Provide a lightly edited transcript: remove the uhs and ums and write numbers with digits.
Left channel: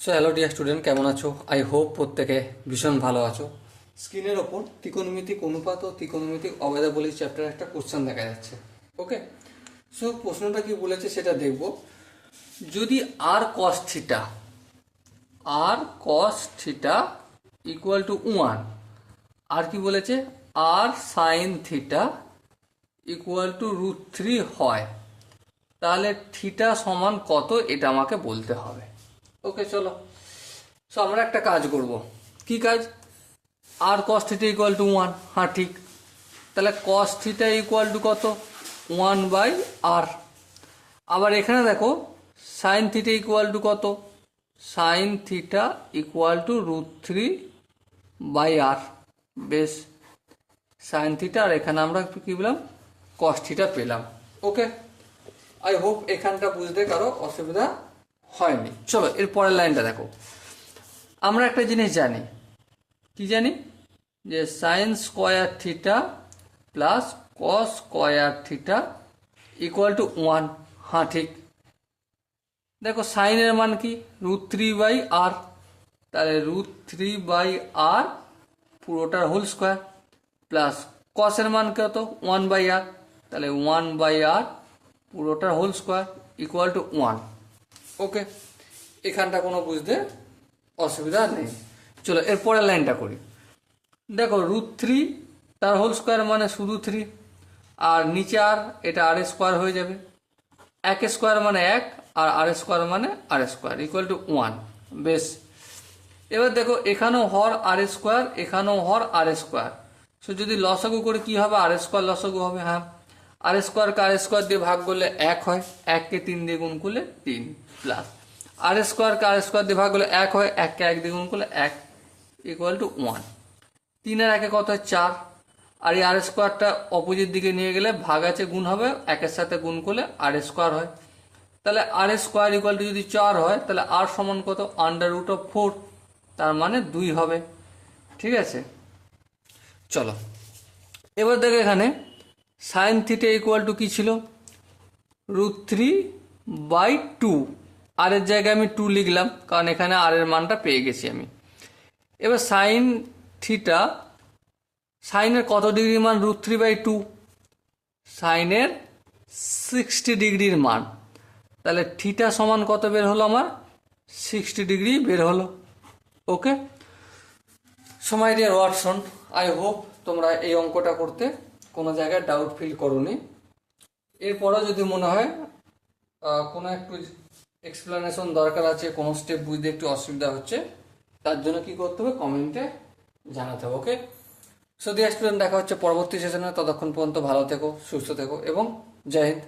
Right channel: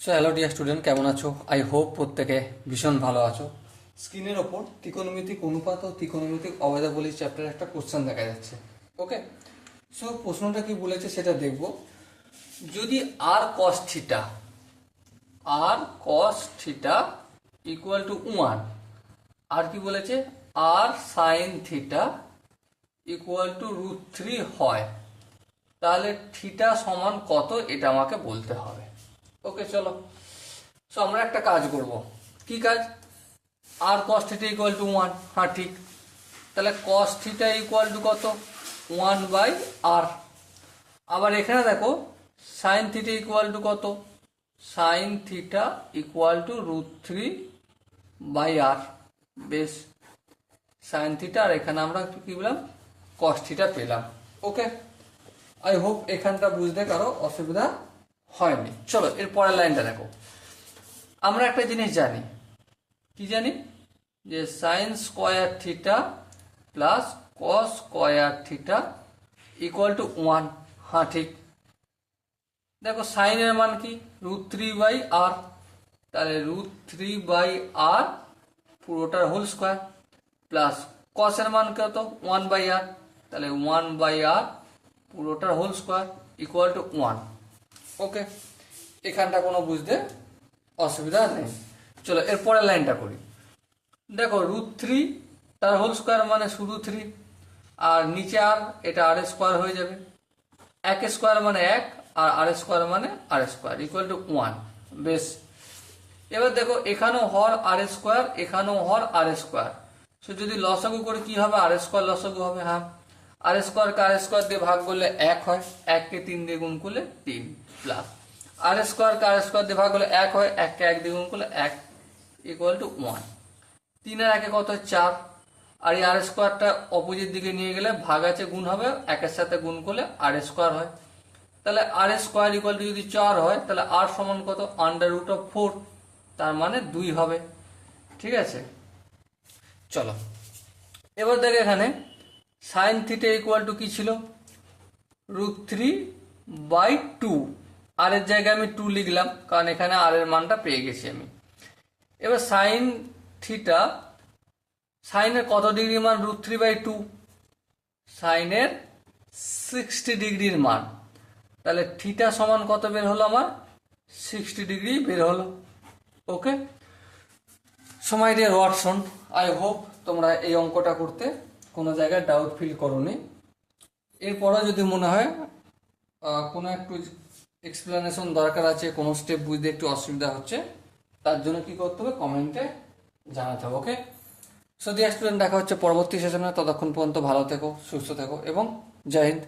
So hello dear student, কেমন আছো? I hope প্রত্যেকে ভীষণ ভালো আছো। স্ক্রিনের ওপর ত্রিকোণমিতিক অনুপাত ও ত্রিকোণমিতিক অবয়বাবলী চ্যাপ্টার একটা কোশ্চেন দেখা যাচ্ছে। ওকে, সো প্রশ্নটা কি বলেছে সেটা দেখব। যদি আর কস থিটা ইকুয়াল টু 1, আর কি বলেছে, আর সাইন থিটা ইকুয়াল টু √3 হয়, তাহলে থিটা সমান কত এটা আমাকে বলতে হবে। ওকে, চলো। সো আমরা একটা কাজ করব। কি কাজ? আর কস থিটা ইকুয়াল টু 1, হ্যাঁ ঠিক। তাহলে কস থিটা ইকুয়াল টু কত? 1/r। আবার এখানে দেখো সাইন থিটা ইকুয়াল টু কত? Sine theta equal to √3/r। বেশ, সাইন থিটা, আর এখানে আমরা কি পেলাম? কস থিটা পেলাম। ওকে, আই হোপ এখানটা বুঝতে কারো অসুবিধা হয়নি। চলো এর পরের লাইনটা দেখো। আমরা একটা জিনিস জানি, কি জানি? যে sine square theta plus cos square theta equal to 1, হ্যাঁ ঠিক। দেখো সাইনের মান কি? √3/r, তাহলে √3/r পুরোটার হোল স্কোয়ার, প্লাস কসের মান কত? 1/r, তাহলে 1/r পুরোটার whole square equal to 1। Okay, এখানটা কোনো বুঝতে অসুবিধা নেই। চলো এরপরের লাইনটা করি। দেখো √3 তার হোল স্কোয়ার মানে শুধু 3, আর নিচে আর, এটা আর স্কোয়ার হয়ে যাবে। 1 স্কোয়ার মানে 1, আর আর স্কোয়ার মানে আর স্কোয়ার ইকুয়াল টু 1। বেশ, এবার দেখো এখানেও হর আর স্কোয়ার, এখানেও হর আর স্কোয়ার। সো যদি লসাগু করে কি হবে? আর স্কোয়ার লসাগু হবে। হ্যাঁ, আর স্কোয়ারকে আর স্কোয়ার দিয়ে ভাগ করলে 1 হয়, 1কে 3 দিয়ে গুণ করলে 3, প্লাস আর স্কোয়ারকে আর স্কোয়ার দিয়ে ভাগ করলে 1 হয়, 1কে 1 দিয়ে গুণ করলে 1 ইকুয়াল টু 1। 3 আর 1 কত হয়? 4। আর এই আর স্কোয়ারটা অপোজিট দিকে নিয়ে গেলে ভাগ আছে গুণ হবে, 1-এর সাথে গুণ করলে আর স্কোয়ার হয়। তাহলে আর স্কোয়ার ইকুয়াল টু যদি 4 হয়, তাহলে আর সমান কত? √4, তার মানে 2 হবে। ঠিক আছে, চলো এবার দেখো এখানে সাইন থিটা ইকুয়াল টু কি ছিল? √3/2। আর এর জায়গায় আমি 2 লিখলাম, কারণ এখানে আর এর মানটা পেয়ে গেছি আমি। এবার সাইন থিটা, সাইনের কত ডিগ্রির মান? √3/2, সাইনের 60 ডিগ্রির মান। তাহলে থিটা সমান কত বের হলো আমার? 60 ডিগ্রি বের হলো। ওকে, সময় ডিয়ার ওয়াটসন, আই হোপ তোমরা এই অঙ্কটা করতে কোনো জায়গায় ডাউট ফিল করোনি। এরপরও যদি মনে হয় কোনো একটু এক্সপ্লেনেশন দরকার আছে, কোনো স্টেপ বুঝতে একটু অসুবিধা হচ্ছে, তার জন্য কি করতে হবে? কমেন্টে জানাতে হবে। ওকে, সো ডিয়ার স্টুডেন্ট, দেখা হচ্ছে পরবর্তী সেশনে। ততক্ষণ পর্যন্ত ভালো থেকো, সুস্থ থেকো এবং জয় হিন্দ।